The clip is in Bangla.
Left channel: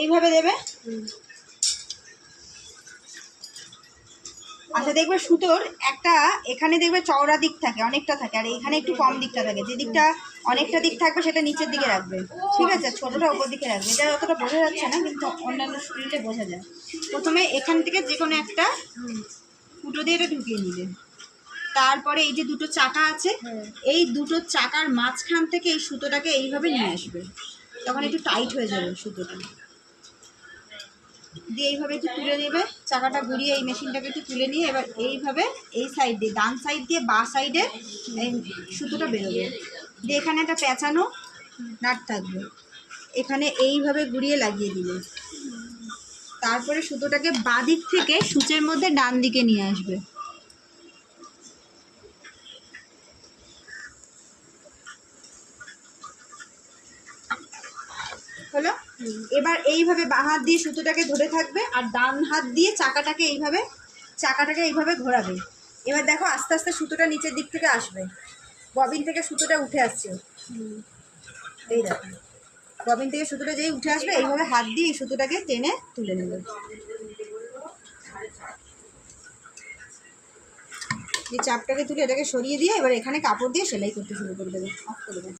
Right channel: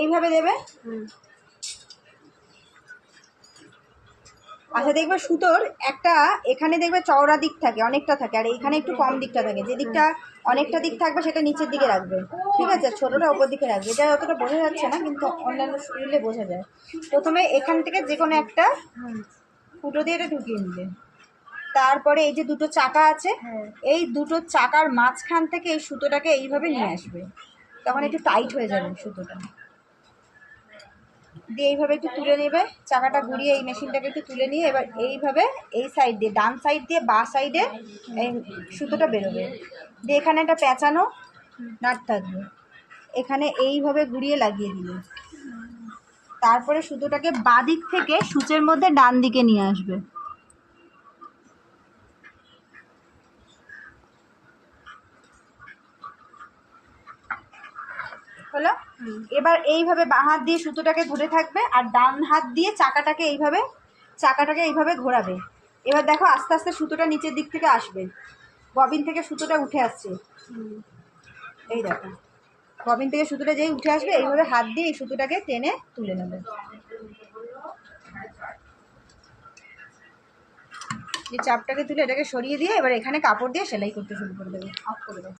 এইভাবে দেবে। আচ্ছা দেখবে সুতোর একটা এখানে দেখবে চওড়া দিক থাকে, অনেকটা থাকে, আর এইখানে একটু কম দিকটা থাকে। যে দিকটা অনেকটা দিক থাকবে সেটা নিচের দিকে রাখবে, ঠিক আছে? ছোটোটা ওপর দিকে রাখবে। এটা অতটা বোঝা যাচ্ছে না, কিন্তু অন্যান্য শরীরে বোঝা যায়। প্রথমে এখান থেকে যে কোনো একটা ফুটো দিয়ে এটা ঢুকিয়ে নিলে, তারপরে এই যে দুটো চাকা আছে, এই দুটো চাকার মাঝখান থেকে এই সুতোটাকে এইভাবে নিয়ে আসবে। তখন একটু টাইট হয়ে যাবে সুতোটা দিয়ে। এইভাবে একটু তুলে নেবে, চাকাটা ঘুরিয়ে এই মেশিনটাকে একটু তুলে নিয়ে এবার এইভাবে এই সাইড দিয়ে, ডান সাইড দিয়ে বাঁ সাইডে এই সুতোটা বেরোবে। দিয়ে এখানে একটা পেঁচানো নাট থাকবে, এখানে এইভাবে ঘুরিয়ে লাগিয়ে দিলে তারপরে সুতোটাকে বাঁ দিক থেকে সূচের মধ্যে ডান দিকে নিয়ে আসবে। হলো? এবার এইভাবে বাঁ হাত দিয়ে সুতোটাকে ধরে থাকবে আর ডান হাত দিয়ে চাকাটাকে এইভাবে ঘোরাবে। এবার দেখো আস্তে আস্তে সুতোটা নিচের দিক থেকে আসবে, ববিন থেকে সুতোটা উঠে আসছে। এই দেখো ববিন থেকে সুতোটা যেই উঠে আসবে এইভাবে হাত দিয়ে এই সুতোটাকে টেনে তুলে নেবে। এই চাপটাকে তুলে এটাকে সরিয়ে দিয়ে এবার এখানে কাপড় দিয়ে সেলাই করতে শুরু করে দেবে, অফ করে দেবে।